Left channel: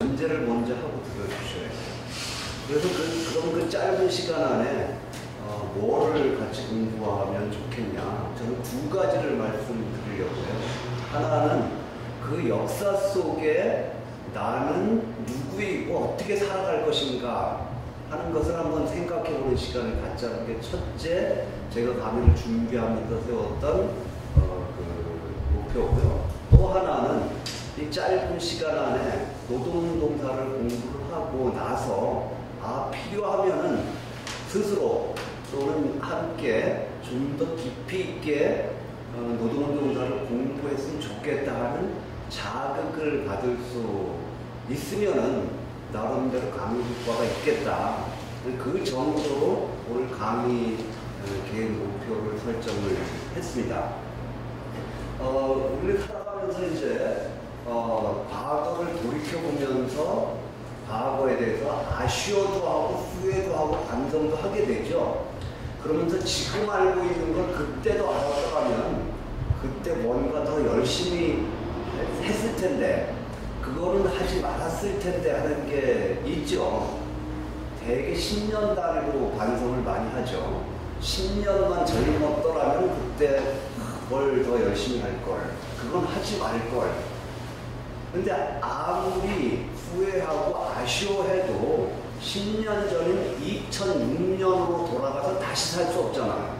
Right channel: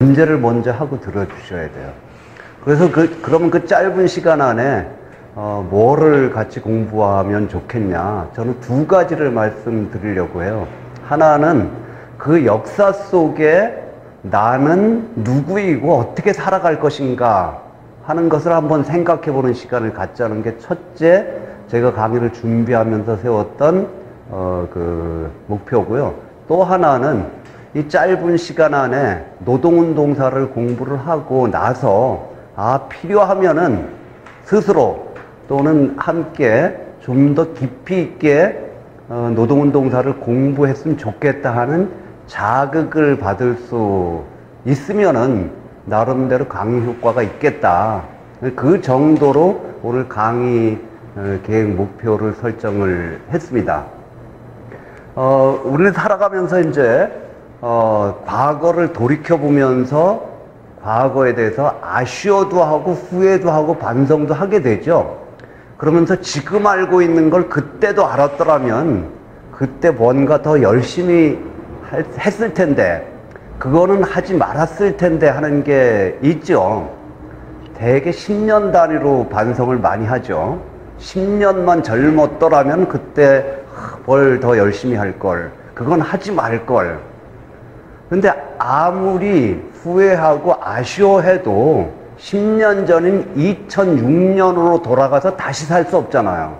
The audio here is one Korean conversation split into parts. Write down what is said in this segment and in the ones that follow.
문제를 먼저 하고 들어주셔야 돼요. 그래서 그러면 그 짧은 시간 안에 뭐를 같이 공부하면 좋겠냐. 저는 두 가지를 말씀드리려고 해요. 하나는 그 역사 속에 나는 누구이고 어떻게 살아갈 것인가 하는 것을 한번 생각해 보는 시간을 갖자는 게 첫째, 제가 강의를 준비하면서 세웠던 그 목표고요. 또 하나는 이 짧은 시간 안에 노동운동사를 공부를 하고 나서 필요하면은 스스로 또는 함께 좀 더 깊이 있게 노동운동사를 공부했으면 좋겠다 하는 자극을 받을 수 있으면은 나름대로 강의 효과가 있겠다. 그 정도로 오늘 강의 계획 목표를 설정을 했습니다. 우리는 살아가면서 이제 과거를 돌이켜보면서 과거에 대해서 아쉬워도 하고 후회도 하고 반성도 하게 되죠. 그러면서 지금 알고 있는 걸 그때도 알았더라면 그때 뭔가 더 열심히 했을 텐데 그거는 하지 말았을 텐데 하는 게 있죠. 대개 10년 단위로 반성을 많이 하죠. 10년만 젊었더라면 그때 뭘 더 열심히 할 걸, 그건 하지 말 걸. 근데 아무리 후회하고 아쉬워해도 10년 전인 2006년으로 돌아가서 다시 살 수 없잖아요.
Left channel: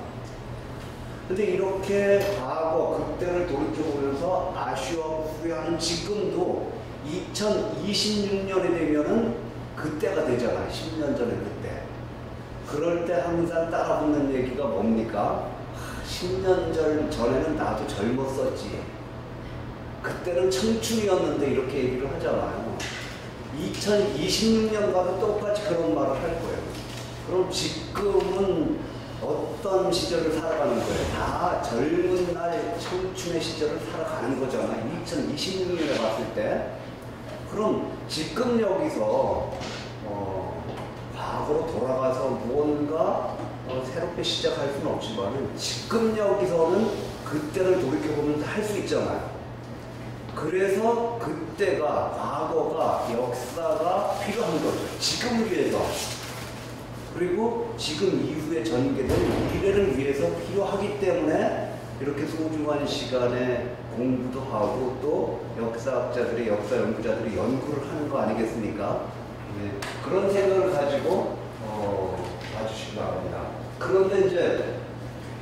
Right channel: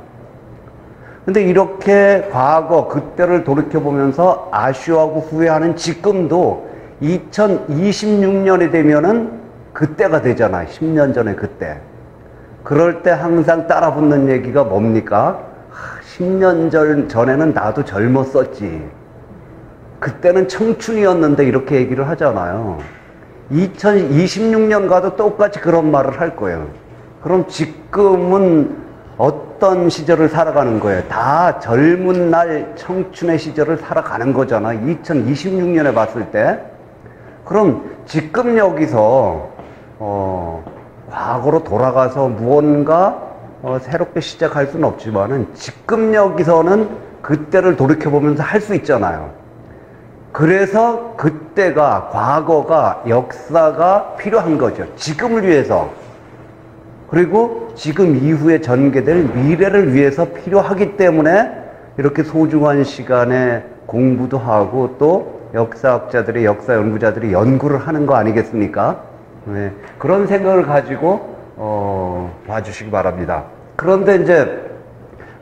근데 이렇게 과거 그때를 돌이켜보면서 아쉬워하고 후회하는 지금도 2026년이 되면은 그때가 되잖아요. 10년 전에 그때. 그럴 때 항상 따라붙는 얘기가 뭡니까? 10년 전에는 나도 젊었었지. 그때는 청춘이었는데 이렇게 얘기를 하잖아요. 2026년 가도 똑같이 그런 말을 할 거예요. 그럼 지금은 어떤 시절을 살아가는 거예요? 다 젊은 날 청춘의 시절을 살아가는 거잖아요. 2026년에 봤을 때. 그럼 지금 여기서 과거로 돌아가서 무언가 새롭게 시작할 수는 없지만은 지금 여기서는 그때를 돌이켜보면서 할 수 있잖아요. 그래서 그때가, 과거가, 역사가 필요한 거죠. 지금을 위해서. 그리고 지금 이후에 전개될 미래를 위해서 필요하기 때문에 이렇게 소중한 시간에 공부도 하고 또 역사학자들이, 역사 연구자들이 연구를 하는 거 아니겠습니까? 네. 그런 생각을 가지고 봐주시기 바랍니다. 그런데 이제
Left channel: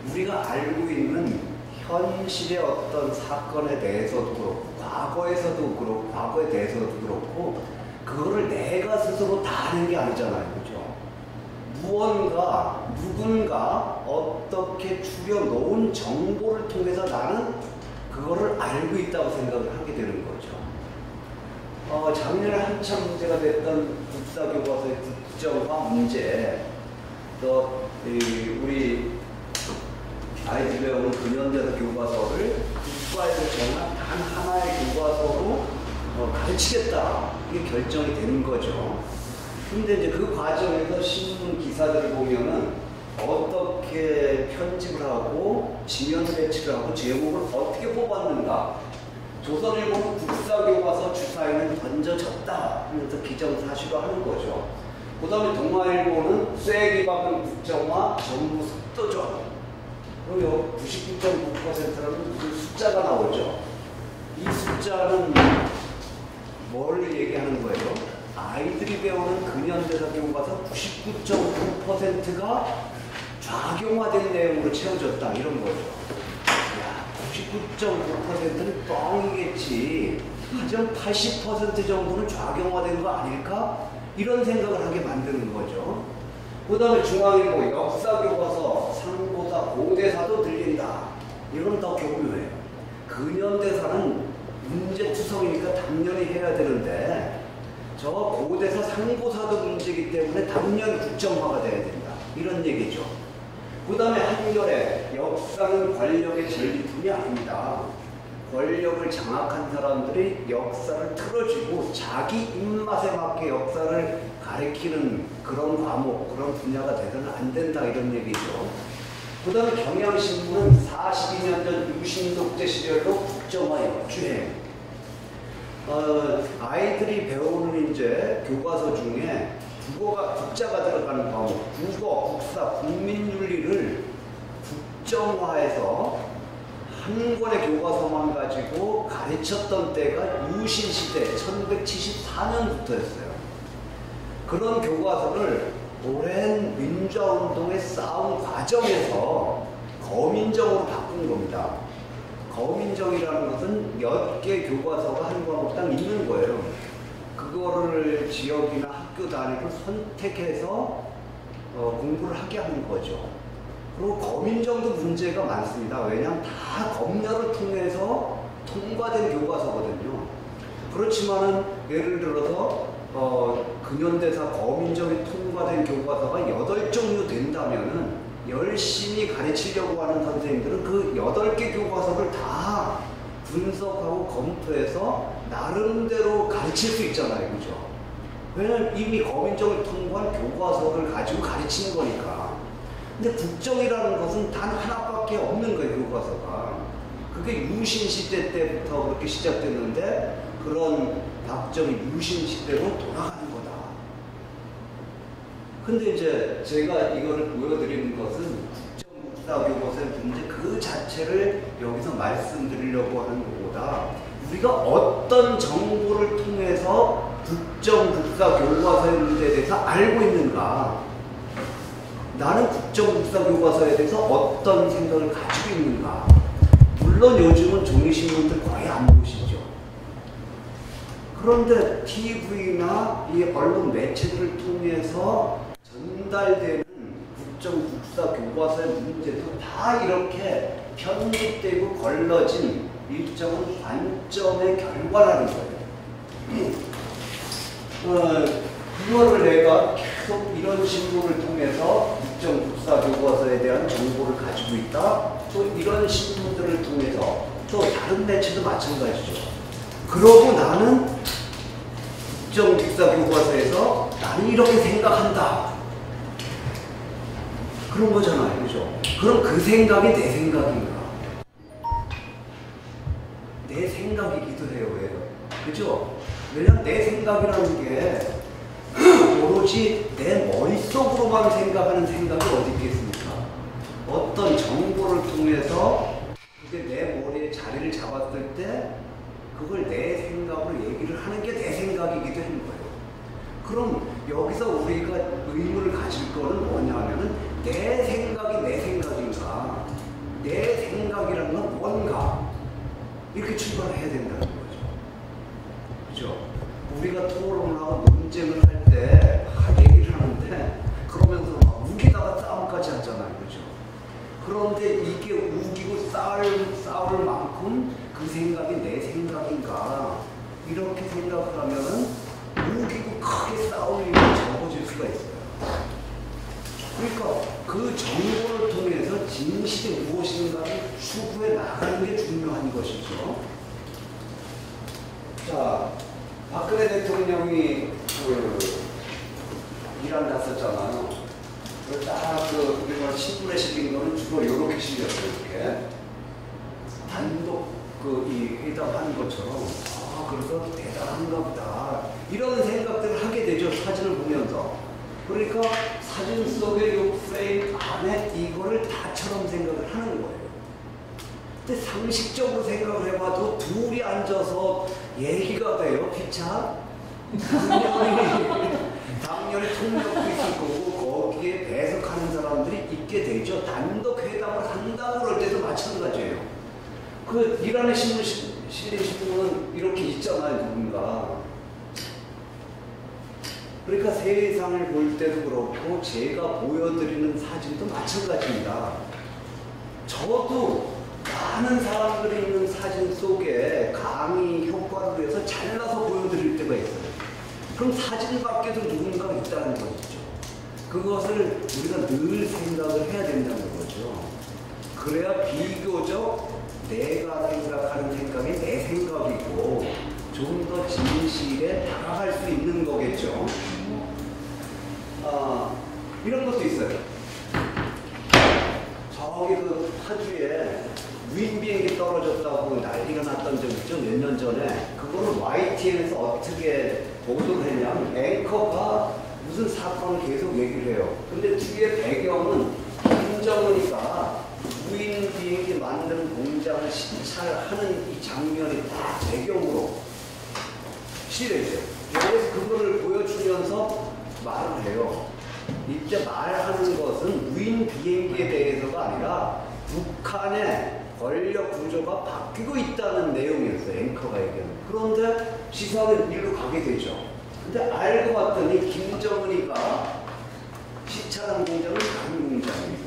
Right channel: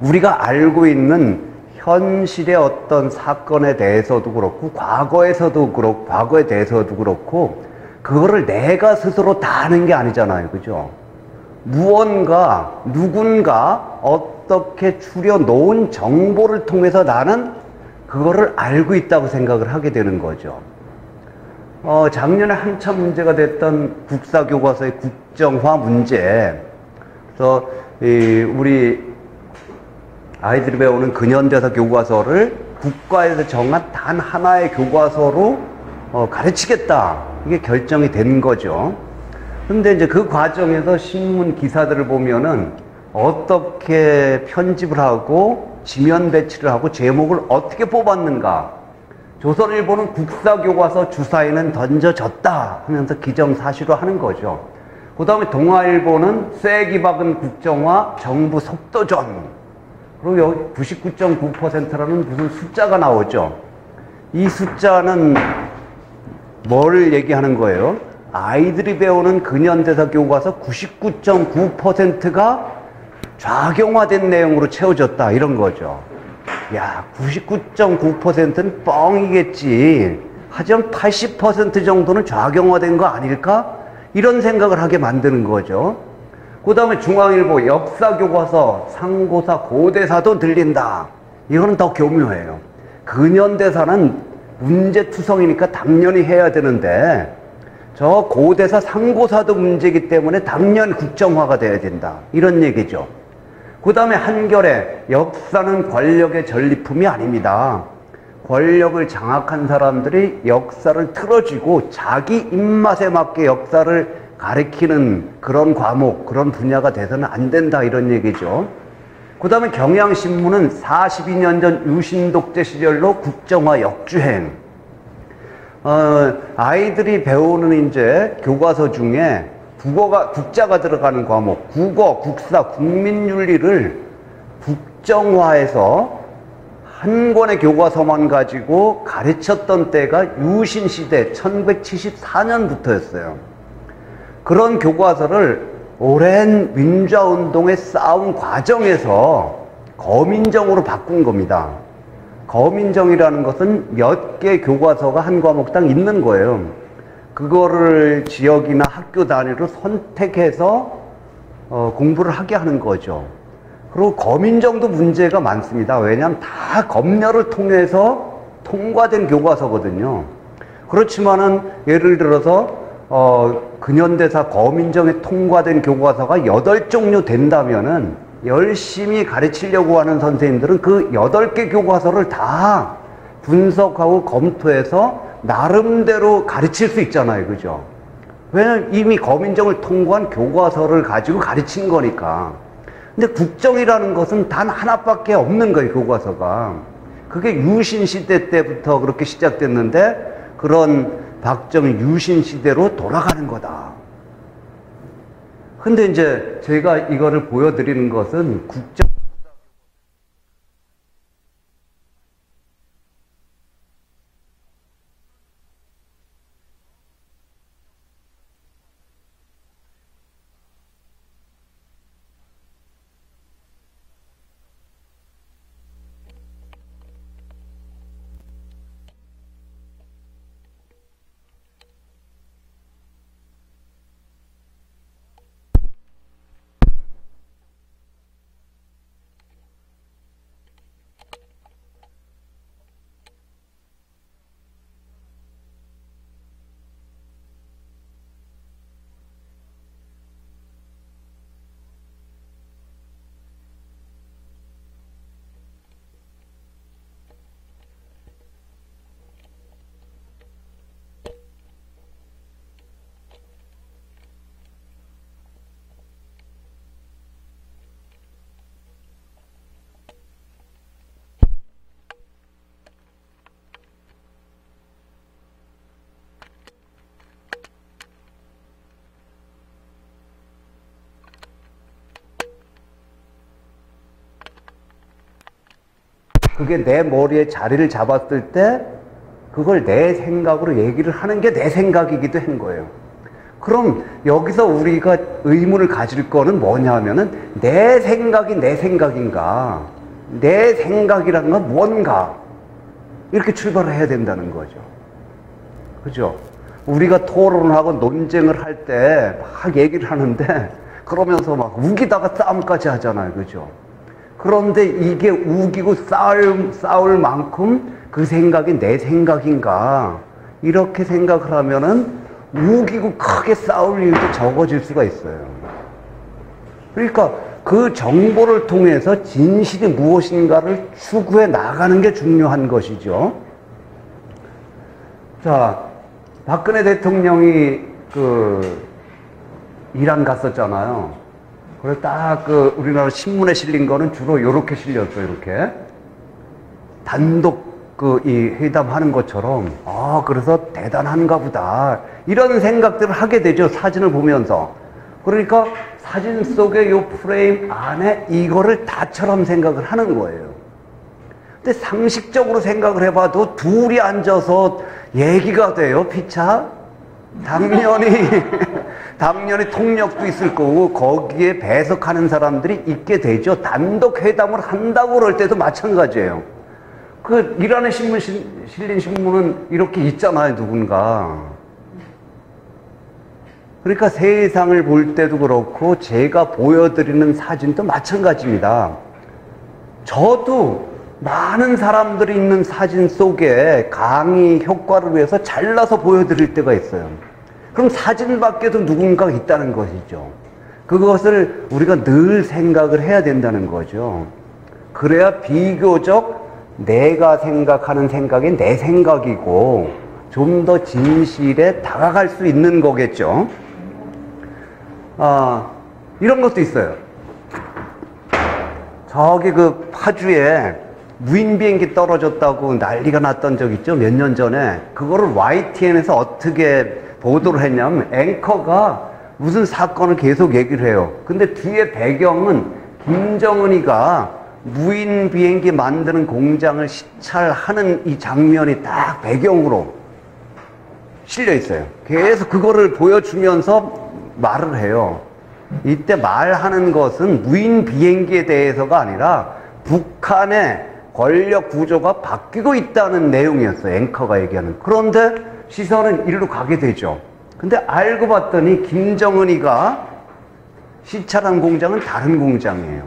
우리가 알고 있는 현실의 어떤 사건에 대해서도 그렇고 과거에서도 그렇고 과거에 대해서도 그렇고 그거를 내가 스스로 다 아는 게 아니잖아요. 그죠? 무언가 누군가 어떻게 추려놓은 정보를 통해서 나는 그거를 알고 있다고 생각을 하게 되는 거죠. 작년에 한참 문제가 됐던 국사교과서의 국정화 문제. 그래서 우리 아이들이 배우는 근현대사 교과서를 국가에서 정한 단 하나의 교과서로 가르치겠다. 이게 결정이 된 거죠. 근데 이제 그 과정에서 신문 기사들을 보면은 어떻게 편집을 하고 지면 배치를 하고 제목을 어떻게 뽑았는가. 조선일보는 국사교과서 주사위는 던져졌다 하면서 기정사실화 하는 거죠. 그 다음에 동아일보는 쐐기 박은 국정화 정부 속도전. 그리고 여기 99.9%라는 무슨 숫자가 나오죠. 이 숫자는 뭘 얘기하는 거예요? 아이들이 배우는 근현대사 교과서 99.9%가 좌경화된 내용으로 채워졌다. 이런 거죠. 야, 99.9%는 뻥이겠지. 하지만 80% 정도는 좌경화된 거 아닐까? 이런 생각을 하게 만드는 거죠. 그 다음에 중앙일보 역사교과서 상고사 고대사도 들린다. 이거는 더 교묘해요. 근현대사는 문제투성이니까 당연히 해야 되는데 저 고대사 상고사도 문제이기 때문에 당연히 국정화가 돼야 된다. 이런 얘기죠. 그 다음에 한겨레 역사는 권력의 전리품이 아닙니다. 권력을 장악한 사람들이 역사를 틀어쥐고 자기 입맛에 맞게 역사를 가르치는 그런 과목, 그런 분야가 돼서는 안 된다. 이런 얘기죠. 그 다음에 경향신문은 42년 전 유신독재 시절로 국정화 역주행. 아이들이 배우는 이제 교과서 중에 국자가 들어가는 과목, 국어, 국사, 국민윤리를 국정화해서 한 권의 교과서만 가지고 가르쳤던 때가 유신시대 1974년부터였어요. 그런 교과서를 오랜 민주화운동의 싸움 과정에서 거민정으로 바꾼 겁니다. 거민정이라는 것은 몇 개 교과서가 한 과목당 있는 거예요. 그거를 지역이나 학교 단위로 선택해서 공부를 하게 하는 거죠. 그리고 거민정도 문제가 많습니다. 왜냐하면 다 검열을 통해서 통과된 교과서거든요. 그렇지만은 예를 들어서 근현대사 거민정에 통과된 교과서가 8종류 된다면은 열심히 가르치려고 하는 선생님들은 그 8개 교과서를 다 분석하고 검토해서 나름대로 가르칠 수 있잖아요. 그죠? 왜냐면 이미 거민정을 통과한 교과서를 가지고 가르친 거니까. 근데 국정이라는 것은 단 하나밖에 없는 거예요, 교과서가. 그게 유신시대 때부터 그렇게 시작됐는데 그런 박정희 유신시대로 돌아가는 거다. 근데 이제 제가 이거를 보여드리는 것은 국정국사교과서의 문제 그 자체를 여기서 말씀드리려고 하는 것보다 우리가 어떤 정보를 통해서 국정국사교과서의 문제에 대해서 알고 있는가, 나는 국정국사교과서에 대해서 어떤 생각을 가지고 있는가. 물론 요즘은 종이신문들 거의 안 보시죠. 그런데 TV나 이 언론 매체들을 통해서 전달되는 국정국사교과서의 문제도 다 이렇게 편집되고 걸러진 일정한 관점의 결과라는 거예요. 이거를 내가 계속 이런 신문을 통해서 국정국사교과서에 대한 정보를 가지고 있다. 또 이런 신문들을 통해서 또 다른 매체도 마찬가지죠. 그러고 나는 국정국사교과서에서 나는 이렇게 생각한다. 그런 거잖아요. 그죠? 그럼 그 생각이 내 생각인가? 내 생각이기도 해요. 왜요? 그죠? 왜냐면 내 생각이라는 게 오로지 내 머릿속으로만 생각하는 생각이 어디 있겠습니까? 어떤 정보를 통해서 그게 내 머리에 자리를 잡았을 때 그걸 내 생각으로 얘기를 하는 게 내 생각이기도 한 거예요. 그럼 여기서 우리가 의문을 가질 거는 뭐냐면은 내 생각이 내 생각인가? 내 생각이라는 건 뭔가? 이렇게 출발을 해야 된다는 거죠. 그죠? 우리가 토론하고 논쟁을 할 때 막 얘기를 하는데 그러면서 막 우기다가 싸움까지 하잖아요. 그죠? 그런데 이게 우기고 싸울 만큼 그 생각이 내 생각인가? 이렇게 생각을 하면은 우기고 크게 싸울 일이 적어질 수가 있어요. 그러니까 그 정보를 통해서 진실이 무엇인가를 추구해 나가는 게 중요한 것이죠. 자, 박근혜 대통령이 이란 갔었잖아요. 그래서 딱 우리나라 신문에 실린 거는 주로 이렇게 실렸어요. 이렇게 단독 이 회담하는 것처럼, 그래서 대단한가 보다. 이런 생각들을 하게 되죠. 사진을 보면서. 그러니까 사진 속의 이 프레임 안에 이거를 다처럼 생각을 하는 거예요. 근데 상식적으로 생각을 해봐도 둘이 앉아서 얘기가 돼요. 피차? 당연히 통역도 있을 거고 거기에 배석하는 사람들이 있게 되죠. 단독 회담을 한다고 그럴 때도 마찬가지예요. 이란에 실린 신문은 이렇게 있잖아요, 누군가. 그러니까 세상을 볼 때도 그렇고, 제가 보여드리는 사진도 마찬가지입니다. 저도 많은 사람들이 있는 사진 속에 강의 효과를 위해서 잘라서 보여드릴 때가 있어요. 그럼 사진 밖에도 누군가가 있다는 것이죠. 그것을 우리가 늘 생각을 해야 된다는 거죠. 그래야 비교적 내가 생각하는 생각이 내 생각이고 좀 더 진실에 다가갈 수 있는 거겠죠. 이런 것도 있어요. 저기 파주에 무인 비행기 떨어졌다고 난리가 났던 적 있죠? 몇 년 전에. 그거를 YTN에서 어떻게 보도를 했냐면 앵커가 무슨 사건을 계속 얘기를 해요. 근데 뒤에 배경은 김정은이가 무인 비행기 만드는 공장을 시찰하는 이 장면이 딱 배경으로 실려 있어요. 계속 그거를 보여주면서 말을 해요. 이때 말하는 것은 무인 비행기에 대해서가 아니라 북한의 권력 구조가 바뀌고 있다는 내용이었어요. 앵커가 얘기하는. 그런데 시선은 이리로 가게 되죠. 근데 알고 봤더니 김정은이가 시찰한 공장은 다른 공장이에요.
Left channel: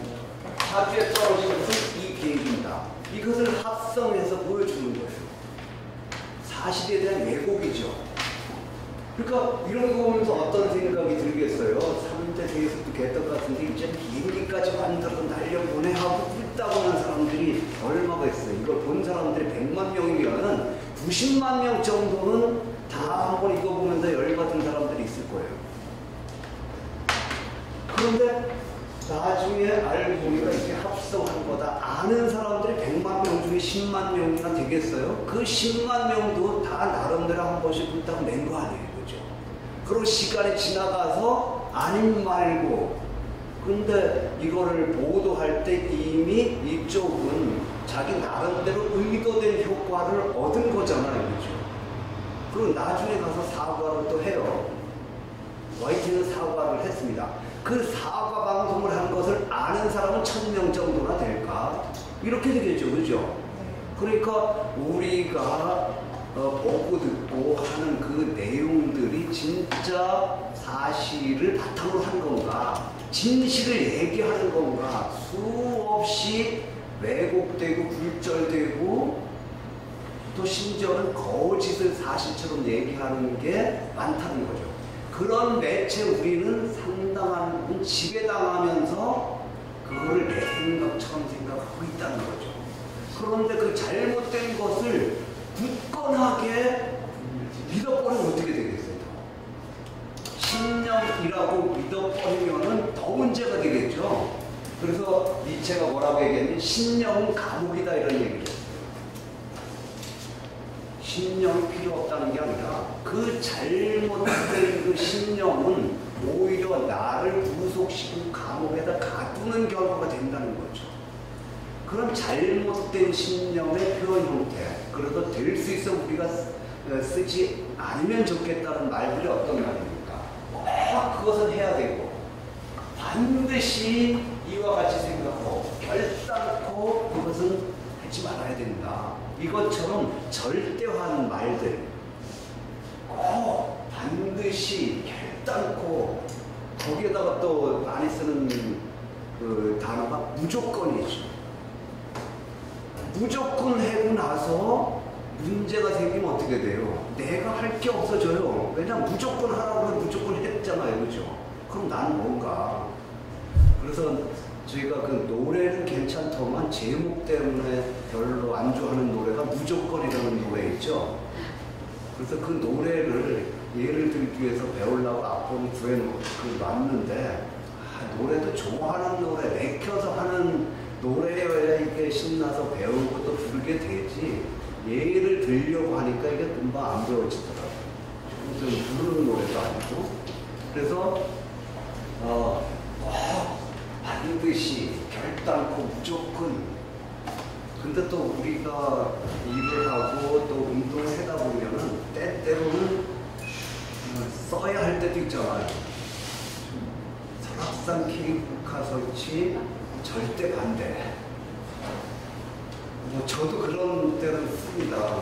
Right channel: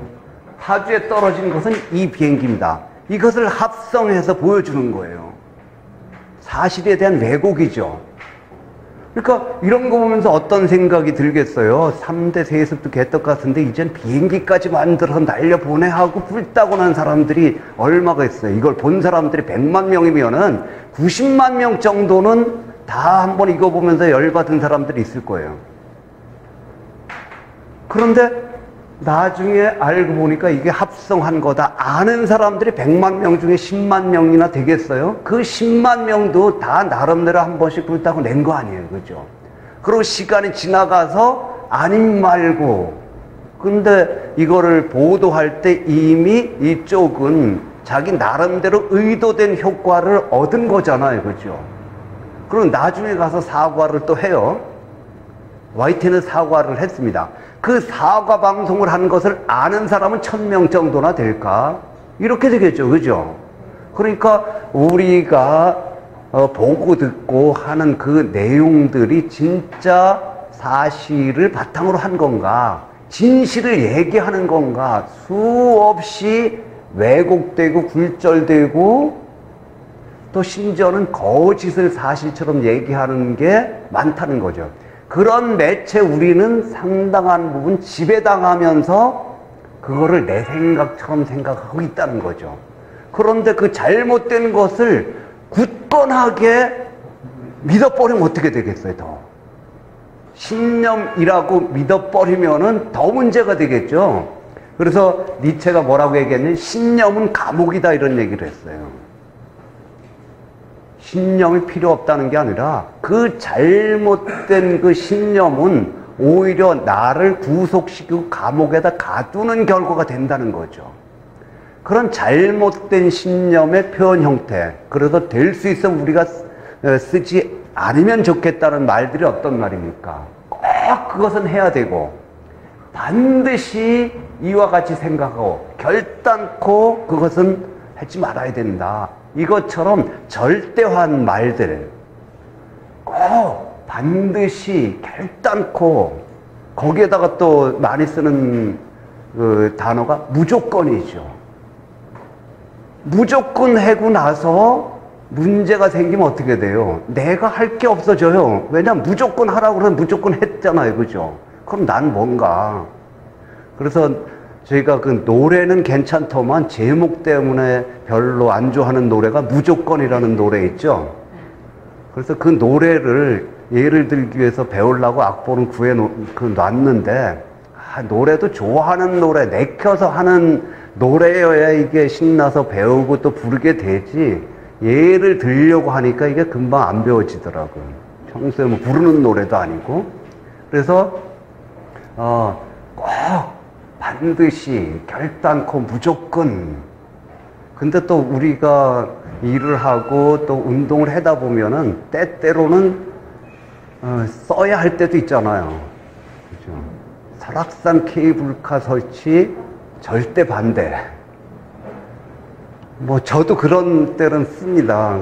하주에 떨어진 것은 이 비행기입니다. 이것을 합성해서 보여주는 거예요. 사실에 대한 왜곡이죠. 그러니까 이런 거 보면서 어떤 생각이 들겠어요? 3대 세습도 개떡 같은데 이젠 비행기까지 만들어서 날려보내 하고 불타고 난 사람들이 얼마가 있어요? 이걸 본 사람들이 100만 명이면은 90만 명 정도는 다 한번 이거 보면서 열받은 사람들이 있을 거예요. 그런데 나중에 알고 보니까 이게 합성한 거다. 아는 사람들이 100만 명 중에 10만 명이나 되겠어요? 그 10만 명도 다 나름대로 한 번씩 불타고 낸 거 아니에요. 그죠? 그리고 시간이 지나가서 아님 말고. 근데 이거를 보도할 때 이미 이쪽은 자기 나름대로 의도된 효과를 얻은 거잖아요. 그죠? 그리고 나중에 가서 사과를 또 해요. YTN은 사과를 했습니다. 그 사과 방송을 한 것을 아는 사람은 1000명 정도나 될까? 이렇게 되겠죠. 그죠? 그러니까 우리가 보고 듣고 하는 그 내용들이 진짜 사실을 바탕으로 한 건가? 진실을 얘기하는 건가? 수없이 왜곡되고 굴절되고 또 심지어는 거짓을 사실처럼 얘기하는 게 많다는 거죠. 그런 매체 우리는 상당한 부분 지배당하면서 그거를 내 생각처럼 생각하고 있다는 거죠. 그런데 그 잘못된 것을 굳건하게 믿어버리면 어떻게 되겠어요? 더 신념이라고 믿어버리면은 더 문제가 되겠죠. 그래서 니체가 뭐라고 얘기했냐면 신념은 감옥이다 이런 얘기를 했어요. 신념이 필요 없다는 게 아니라 그 잘못된 그 신념은 오히려 나를 구속시키고 감옥에다 가두는 결과가 된다는 거죠. 그런 잘못된 신념의 표현 형태, 그래서 될 수 있어 우리가 쓰지 않으면 좋겠다는 말들이 어떤 말입니까? 꼭 그것은 해야 되고 반드시 이와 같이 생각하고 결단코 그것은 하지 말아야 된다. 이것처럼 절대화한 말들 꼭 반드시 결단코 거기에다가 또 많이 쓰는 그 단어가 무조건이죠. 무조건 하고 나서 문제가 생기면 어떻게 돼요? 내가 할 게 없어져요. 왜냐면 무조건 하라고 그러면 무조건 했잖아요. 그죠? 그럼 난 뭔가. 그래서 저희가 그 노래는 괜찮더만 제목 때문에 별로 안 좋아하는 노래가 무조건이라는 노래 있죠. 그래서 그 노래를 예를 들기 위해서 배우려고 악보는 놨는데 노래도 좋아하는 노래 내켜서 하는 노래여야 이게 신나서 배우고 또 부르게 되지 예를 들려고 하니까 이게 금방 안 배워지더라고요. 평소에 뭐 부르는 노래도 아니고. 그래서 꼭 반드시 결단코 무조건. 근데 또 우리가 일을 하고 또 운동을 하다 보면은 때때로는 써야 할 때도 있잖아요. 그렇죠? 설악산 케이블카 설치 절대 반대. 뭐 저도 그런 때는 씁니다.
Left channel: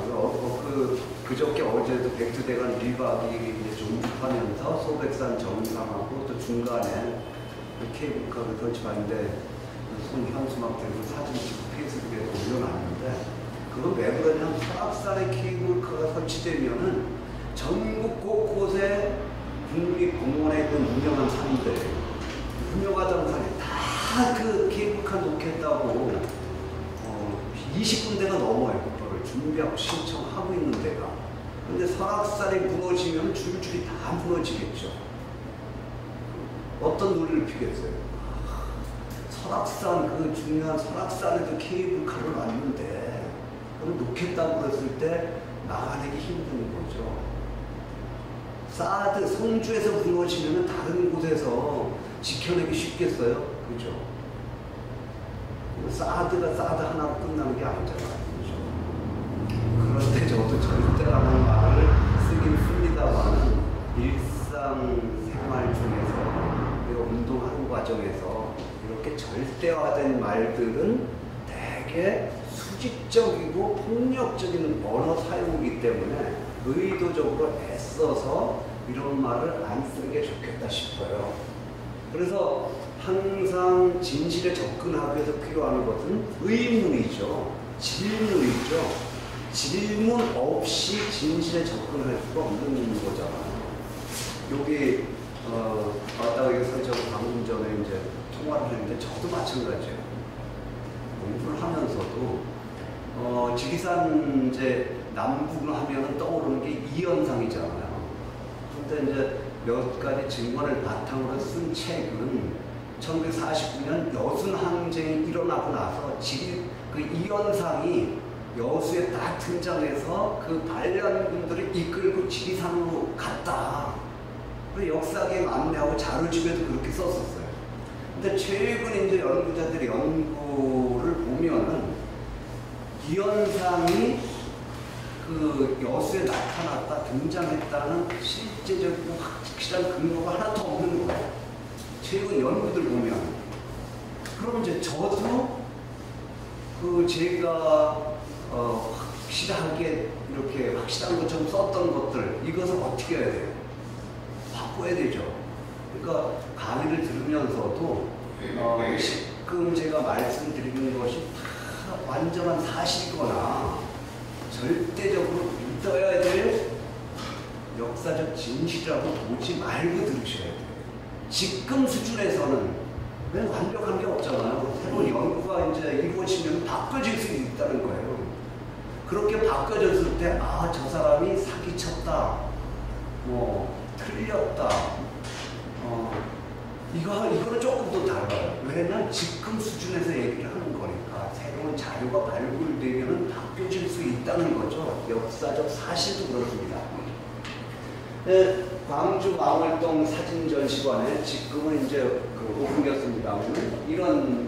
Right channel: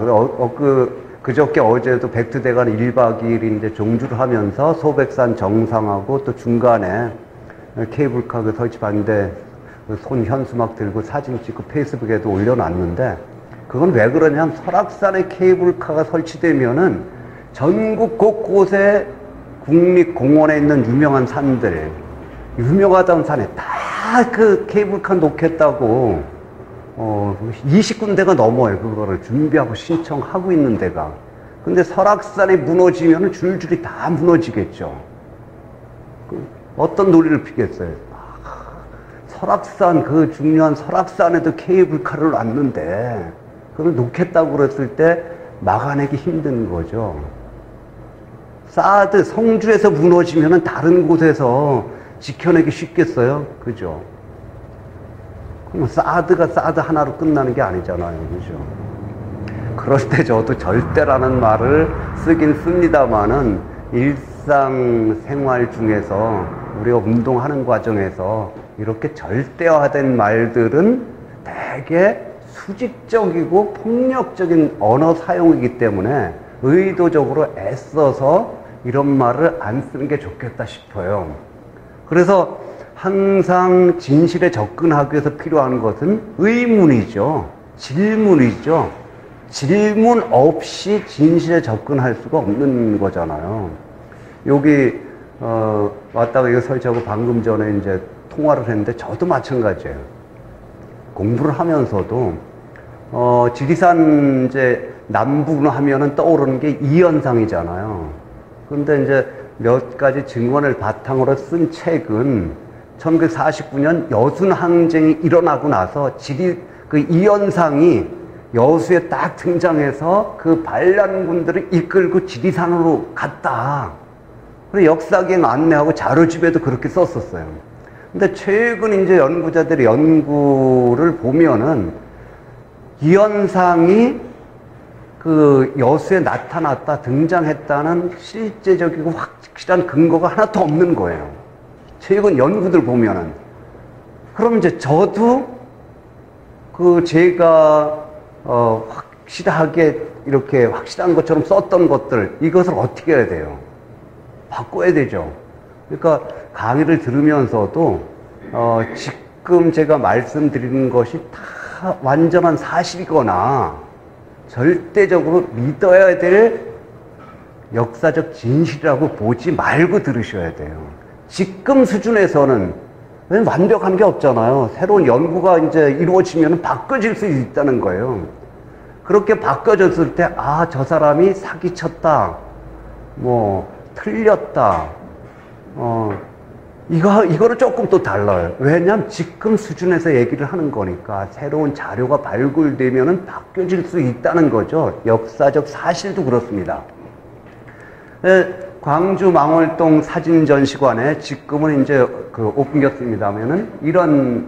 그저께 어제도 백두대간 1박 2일인데 종주를 하면서 소백산 정상하고 또 중간에 케이블카 그 설치 반대 손 현수막 들고 사진 찍고 페이스북에도 올려놨는데 그건 왜 그러냐면 설악산에 케이블카가 설치되면은 전국 곳곳에 국립공원에 있는 유명한 산들, 유명하다는 산에 다 그 케이블카 놓겠다고 20군데가 넘어요. 그거를 준비하고 신청하고 있는 데가. 근데 설악산이 무너지면 줄줄이 다 무너지겠죠. 어떤 논리를 피겠어요? 설악산, 그 중요한 설악산에도 케이블카를 놨는데 그걸 놓겠다고 그랬을 때 막아내기 힘든 거죠. 사드, 성주에서 무너지면 다른 곳에서 지켜내기 쉽겠어요? 그죠? 그럼 사드가 사드 하나로 끝나는 게 아니잖아요. 그죠? 그럴 때 저도 절대라는 말을 쓰긴 씁니다만은 일상생활 중에서 우리가 운동하는 과정에서 이렇게 절대화된 말들은 되게 수직적이고 폭력적인 언어 사용이기 때문에 의도적으로 애써서 이런 말을 안 쓰는 게 좋겠다 싶어요. 그래서 항상 진실에 접근하기 위해서 필요한 것은 의문이죠. 질문이죠. 질문 없이 진실에 접근할 수가 없는 거잖아요. 여기 왔다가 이거 설치하고 방금 전에 이제 통화를 했는데 저도 마찬가지예요. 공부를 하면서도 지리산 이제 남북으로 하면은 떠오르는 게 이현상이잖아요. 그런데 이제 몇 가지 증언을 바탕으로 쓴 책은 1949년 여순 항쟁이 일어나고 나서 그 이현상이 여수에 딱 등장해서 그 반란군들을 이끌고 지리산으로 갔다. 그리고 역사기행 안내하고 자료집에도 그렇게 썼었어요. 근데 최근 이제 연구자들의 연구를 보면은 이현상이 그 여수에 나타났다, 등장했다는 실제적이고 확실한 근거가 하나도 없는 거예요. 최근 연구들 보면은. 그럼 이제 저도 그 제가 확실하게 이렇게 확실한 것처럼 썼던 것들, 이것을 어떻게 해야 돼요? 바꿔야 되죠. 그러니까 강의를 들으면서도 지금 제가 말씀드리는 것이 다 완전한 사실이거나 절대적으로 믿어야 될 역사적 진실이라고 보지 말고 들으셔야 돼요. 지금 수준에서는 완벽한 게 없잖아요. 새로운 연구가 이제 이루어지면 바꿔질 수 있다는 거예요. 그렇게 바꿔졌을 때, 아, 저 사람이 사기쳤다, 뭐, 틀렸다, 이거를 조금 또 달라요. 왜냐면 지금 수준에서 얘기를 하는 거니까 새로운 자료가 발굴되면은 바뀌어질 수 있다는 거죠. 역사적 사실도 그렇습니다. 광주 망월동 사진전시관에 지금은 이제 오픈겼습니다면은 이런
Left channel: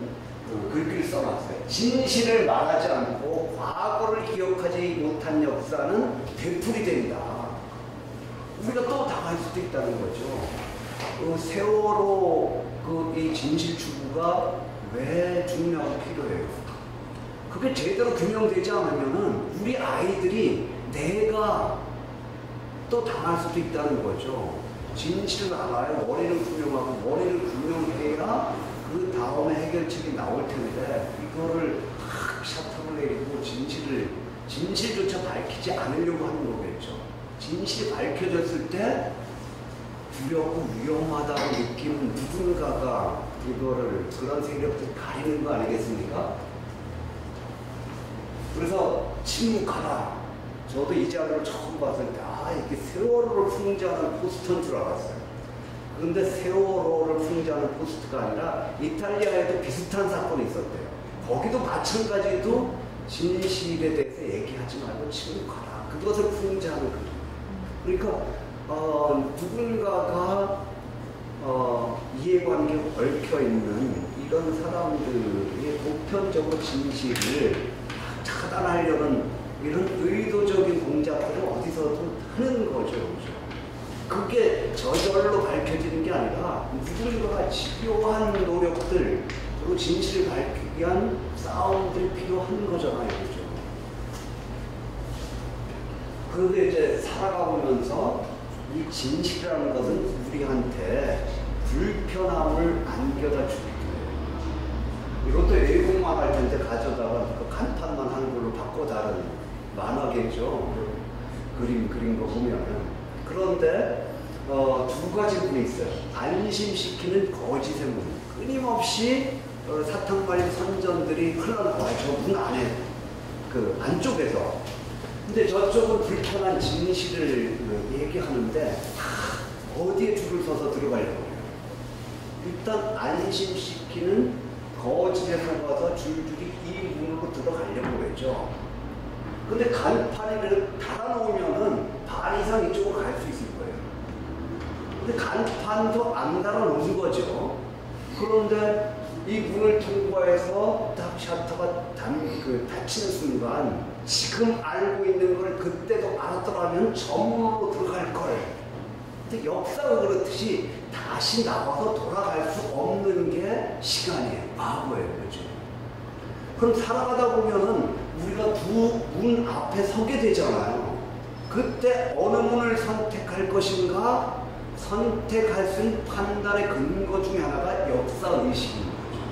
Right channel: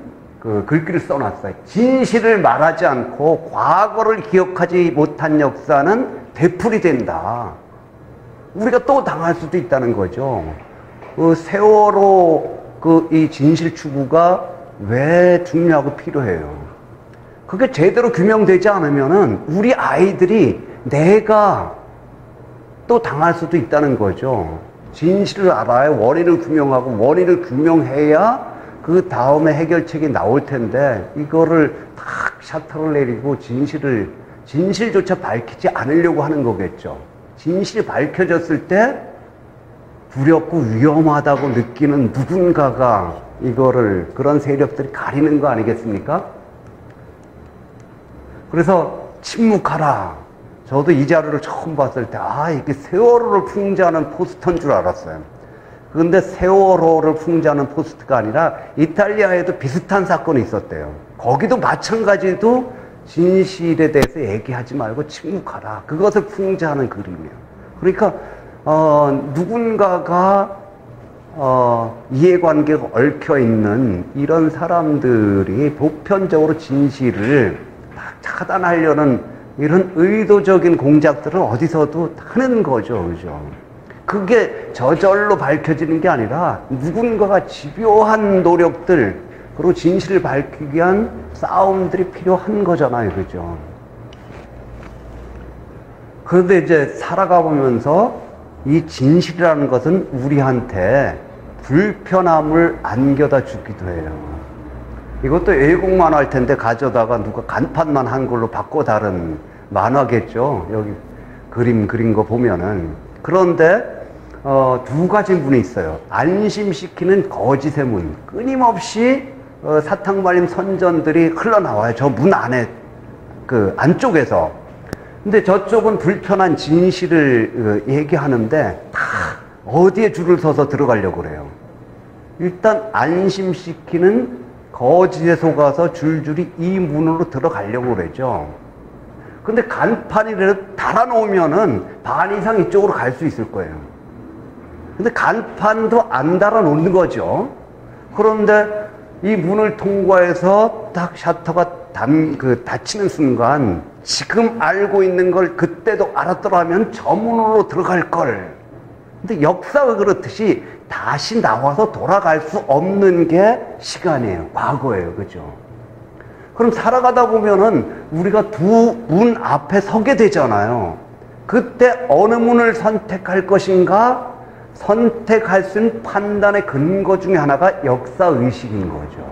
글귀를 써놨어요. 진실을 말하지 않고 과거를 기억하지 못한 역사는 되풀이 된다. 우리가 또 당할 수도 있다는 거죠. 세월호 이 진실 추구가 왜 중요하고 필요해요? 그게 제대로 규명되지 않으면은 우리 아이들이 내가 또 당할 수도 있다는 거죠. 진실을 알아야 원인을 규명하고 원인을 규명해야 그 다음에 해결책이 나올 텐데 이거를 탁 샤터를 내리고 진실조차 밝히지 않으려고 하는 거겠죠. 진실이 밝혀졌을 때 두렵고 위험하다고 느끼는 누군가가 이거를 그런 세력들이 가리는 거 아니겠습니까? 그래서 침묵하라. 저도 이 자료를 처음 봤을 때 이게 세월호를 풍자하는 포스터인 줄 알았어요. 그런데 세월호를 풍자하는 포스터가 아니라 이탈리아에도 비슷한 사건이 있었대요. 거기도 마찬가지로 진실에 대해서 얘기하지 말고 침묵하라. 그것을 풍자하는 그림이에요. 그러니까 누군가가 이해관계가 얽혀있는 이런 사람들이 보편적으로 진실을 차단하려는 이런 의도적인 공작들은 어디서도 하는 거죠. 그죠? 그게 저절로 밝혀지는 게 아니라 누군가가 집요한 노력들, 그리고 진실을 밝히기 위한 싸움들이 필요한 거잖아요. 그죠? 그런데 이제 살아가 보면서 이 진실이라는 것은 우리한테 불편함을 안겨다 주기도 해요. 이것도 왜곡만 할 텐데 가져다가 누가 간판만 한 걸로 바꿔 다른 만화겠죠. 여기 그림 그린 거 보면은. 그런데 두 가지 문이 있어요. 안심시키는 거짓의 문. 끊임없이 사탕 발린 선전들이 흘러나와요. 저 문 안에 그 안쪽에서. 근데 저쪽은 불편한 진실을 얘기하는데 어디에 줄을 서서 들어가려고 그래요. 일단 안심시키는 거짓에 속아서 줄줄이 이 문으로 들어가려고 그러죠. 근데 간판이라도 달아놓으면은 반 이상 이쪽으로 갈 수 있을 거예요. 근데 간판도 안 달아놓는 거죠. 그런데 이 문을 통과해서 딱 셔터가 닫히는 순간 지금 알고 있는 걸 그때도 알았더라면 저 문으로 들어갈 걸. 근데 역사가 그렇듯이 다시 나와서 돌아갈 수 없는 게 시간이에요. 과거예요. 그죠? 그럼 살아가다 보면은 우리가 두 문 앞에 서게 되잖아요. 그때 어느 문을 선택할 것인가? 선택할 수 있는 판단의 근거 중에 하나가 역사의식인 거죠.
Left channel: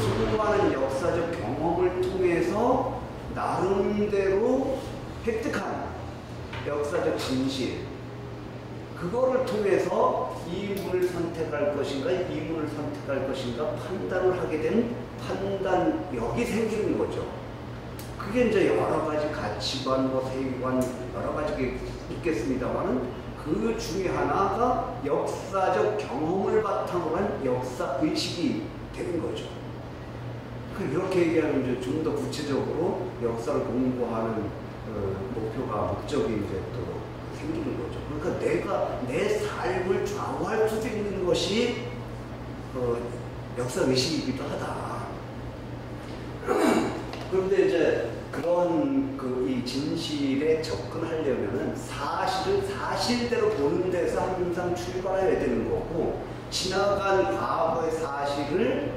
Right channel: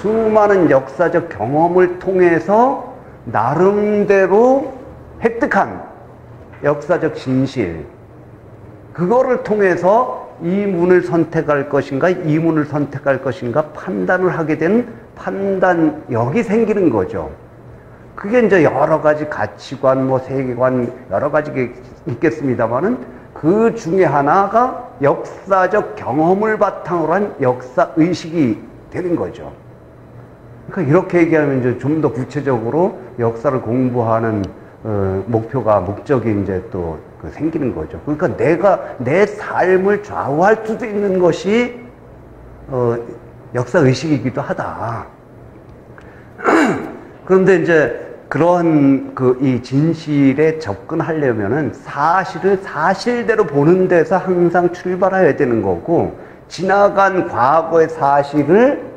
수많은 역사적 경험을 통해서 나름대로 획득한 역사적 진실, 그거를 통해서 이 문을 선택할 것인가, 이 문을 선택할 것인가 판단을 하게 된 판단력이 생기는 거죠. 그게 이제 여러 가지 가치관, 세계관, 여러 가지가 있겠습니다만은 그 중에 하나가 역사적 경험을 바탕으로 한 역사의식이 되는 거죠. 그러니까 이렇게 얘기하면 이제 좀 더 구체적으로 역사를 공부하는 목적이 이제 또 생기는 거죠. 그러니까 내가 내 삶을 좌우할 수도 있는 것이 역사의식이기도 하다. 그런데 이제 그런 이 진실에 접근하려면은 사실을 사실대로 보는 데서 항상 출발해야 되는 거고, 지나간 과거의 사실을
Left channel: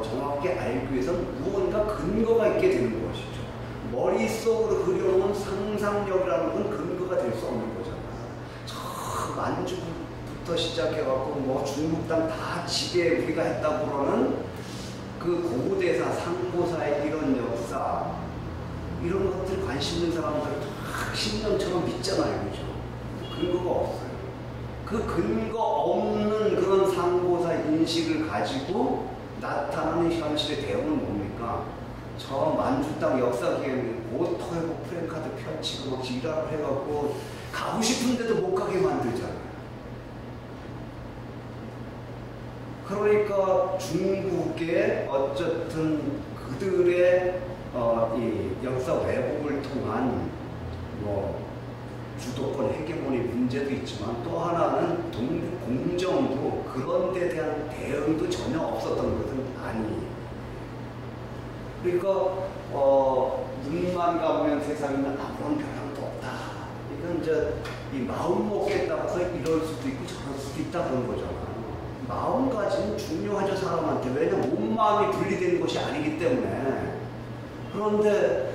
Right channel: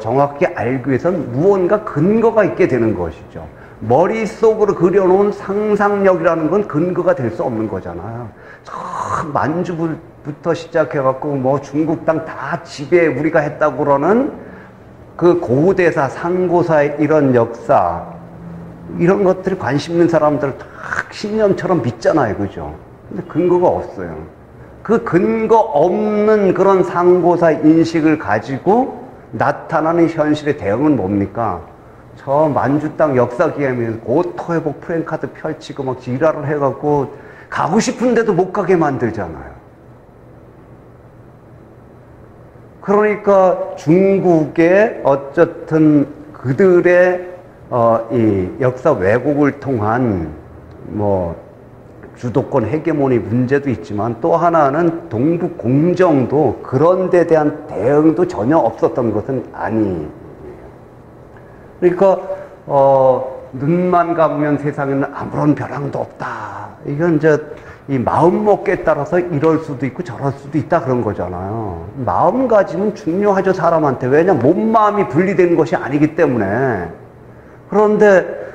정확히 알기 위해서는 무언가 근거가 있게 되는 것이죠. 머릿속으로 그려놓은 상상력이라는 건 근거가 될 수 없는 거잖아요. 저 만주부터 시작해갖고 중국 땅 다 지배 우리가 했다고 그러는 그 고대사, 상고사의 이런 역사, 이런 것들이 관심 있는 사람들 다 신념처럼 믿잖아요. 그죠? 근데 근거가 없어요. 그 근거 없는 그런 상고사 인식을 가지고 나타나는 현실의 대응은 뭡니까? 저 만주 땅 역사 기념일 고토해복 프랜카드 펼치고 막 지랄을 해갖고 가고 싶은데도 못 가게 만들잖아요. 그러니까 중국의 어쨌든 그들의 이 역사 왜곡을 통한 주도권 헤게모니 문제도 있지만, 또 하나는 동북 공정도 그런 데 대한 대응도 전혀 없었던 것은 아니에요. 그러니까 눈만 감으면 세상에는 아무런 벼랑도 없다. 이건 이제 이 마음먹기에 따라서 이럴 수도 있고 저럴 수도 있다 그런 거잖아요. 마음가짐은 중요하죠, 사람한테. 왜냐, 몸마음이 분리된 것이 아니기 때문에. 그런데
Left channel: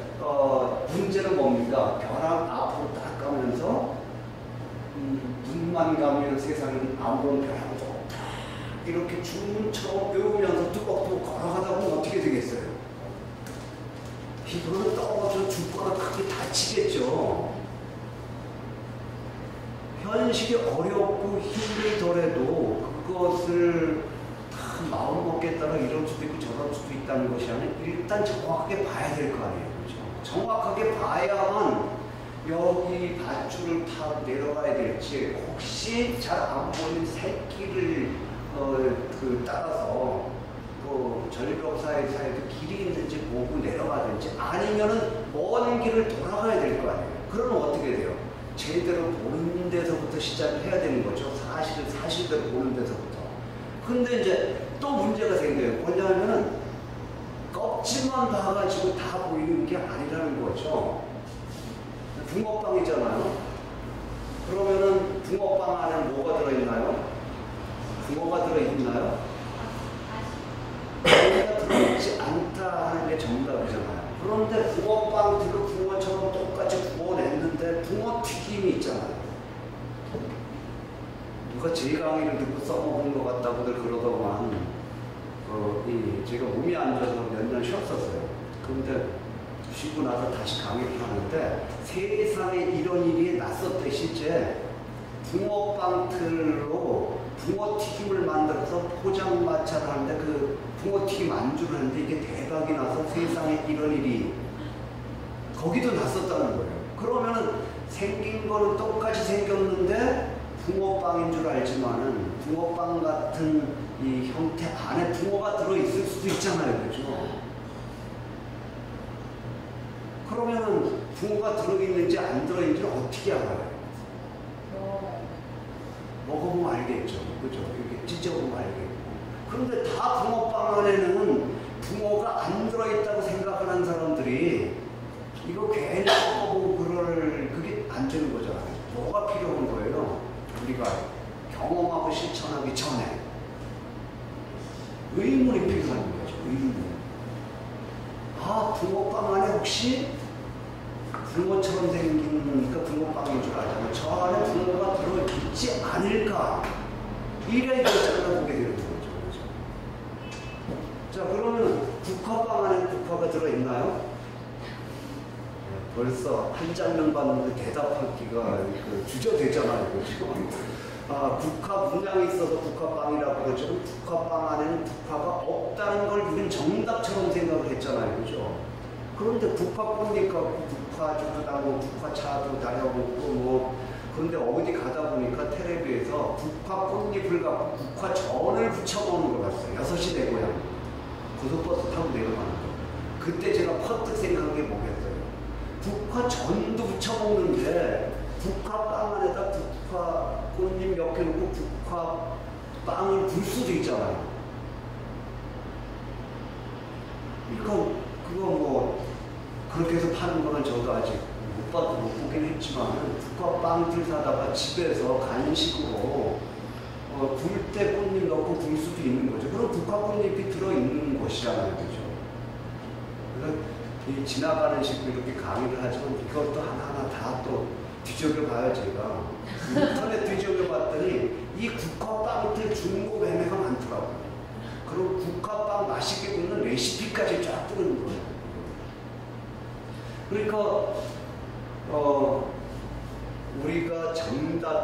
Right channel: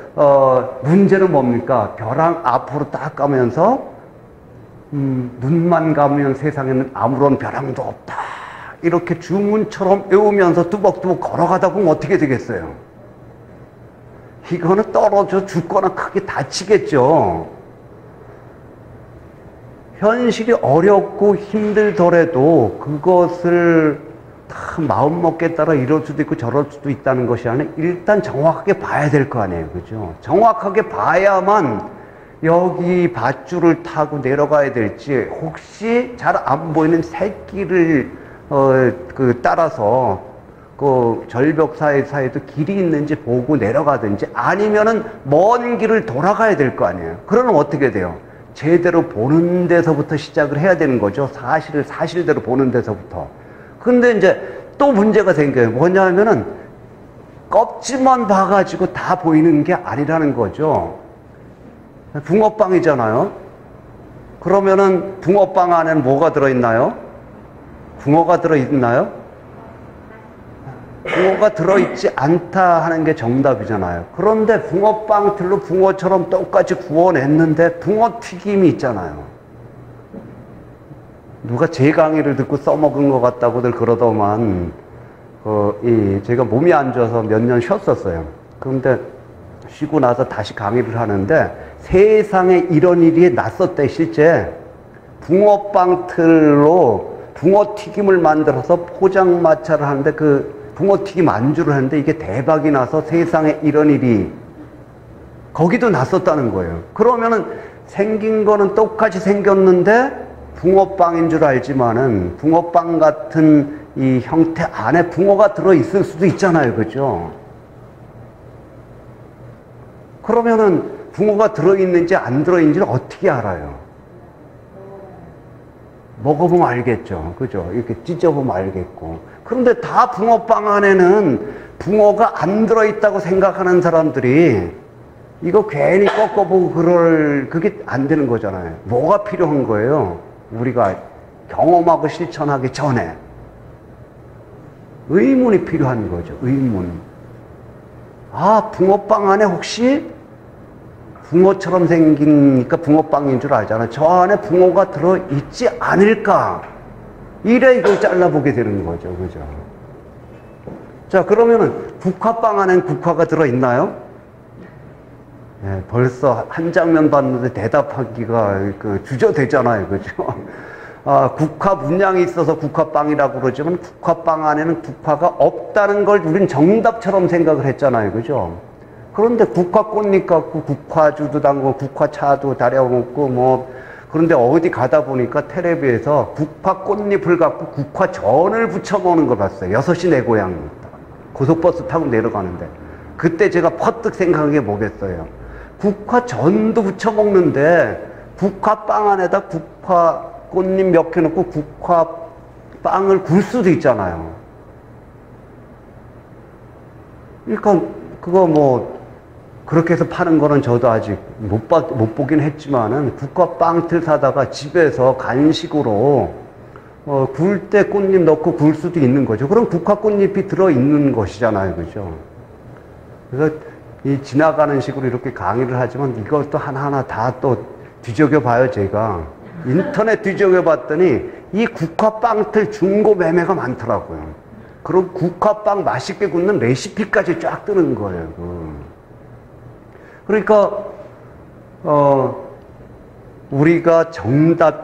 문제는 뭡니까? 벼랑 앞으로 딱 가면서 눈만 감으면 세상에는 아무런 벼랑도 없다. 이렇게 주문처럼 외우면서 뚜벅뚜벅 걸어가다 보면 어떻게 되겠어요? 이거는 떨어져 죽거나 크게 다치겠죠. 현실이 어렵고 힘들더라도 그것을 다 마음먹기에 따라 이럴 수도 있고 저럴 수도 있다는 것이 아니라 일단 정확하게 봐야 될 거 아니에요. 그죠? 정확하게 봐야만 여기 밧줄을 타고 내려가야 될지, 혹시 잘 안 보이는 새길을 따라서 그 절벽 사이에도 길이 있는지 보고 내려가든지, 아니면은 먼 길을 돌아가야 될 거 아니에요. 그러면 어떻게 돼요? 제대로 보는 데서부터 시작을 해야 되는 거죠. 사실을 사실대로 보는 데서부터. 근데 이제 또 문제가 생겨요. 뭐냐면은 껍질만 봐가지고 다 보이는 게 아니라는 거죠. 붕어빵이잖아요. 그러면은 붕어빵 안에는 뭐가 들어있나요? 붕어가 들어있나요? 붕어가 들어있지 않다 하는 게 정답이잖아요. 그런데 붕어빵 틀로 붕어처럼 똑같이 구워냈는데 붕어튀김이 있잖아요. 누가 제 강의를 듣고 써먹은 것 같다고들 그러더만, 제가 몸이 안 좋아서 몇 년 쉬었었어요. 그런데 쉬고 나서 다시 강의를 하는데, 세상에 이런 일이 났었대. 실제 붕어빵 틀로 붕어튀김을 만들어서 포장마차를 하는데, 그 붕어튀김 안주를 하는데 이게 대박이 나서 세상에 이런 일이 거기도 났었다는 거예요. 그러면은 생긴 거는 똑같이 생겼는데 붕어빵인 줄 알지만은 붕어빵 같은 이 형태 안에 붕어가 들어있을 수도 있잖아요. 그죠? 그러면은 붕어가 들어있는지 안 들어있는지를 어떻게 알아요? 먹어보면 알겠죠. 그죠? 이렇게 찢어보면 알겠고. 그런데 다 붕어빵 안에는 붕어가 안 들어있다고 생각하는 사람들이 이거 괜히 꺾어보고 그게 안 되는 거잖아요. 뭐가 필요한 거예요? 우리가 경험하고 실천하기 전에. 의문이 필요한 거죠. 의문. 아, 붕어빵 안에 혹시 붕어처럼 생기니까 붕어빵인 줄 알잖아. 저 안에 붕어가 들어있지 않을까? 이래 이걸 잘라보게 되는 거죠. 그죠? 자, 그러면은 국화빵 안엔 국화가 들어있나요? 네, 벌써 한 장면 봤는데 대답하기가 주저되잖아요. 그죠? 아, 국화 문양이 있어서 국화빵이라고 그러지만 국화빵 안에는 국화가 없다는 걸 우린 정답처럼 생각을 했잖아요. 그죠? 그런데 국화 꽃잎 갖고 국화주도 담고 국화차도 다려먹고 뭐 그런데 어디 가다 보니까 텔레비에서 국화 꽃잎을 갖고 국화전을 부쳐 먹는 걸 봤어요. 6시 내 고향입니다. 고속버스 타고 내려가는데 그때 제가 퍼뜩 생각한 게 뭐겠어요. 국화전도 부쳐 먹는데 국화빵 안에다 국화 꽃잎 몇 개 넣고 국화빵을 굴 수도 있잖아요. 그러니까 그거 뭐 그렇게 해서 파는 거는 저도 아직 못 보긴 했지만은 국화빵틀 사다가 집에서 간식으로 굴 때 꽃잎 넣고 굴 수도 있는 거죠. 그럼 국화 꽃잎이 들어있는 것이잖아요. 그죠? 그래서 이 지나가는 식으로 이렇게 강의를 하지만 이것도 하나하나 다 또 뒤적여 봐요. 제가 인터넷 뒤적여 봤더니 이 국화빵틀 중고 매매가 많더라고요. 그럼 국화빵 맛있게 굽는 레시피까지 쫙 뜨는 거예요. 그러니까 우리가 정답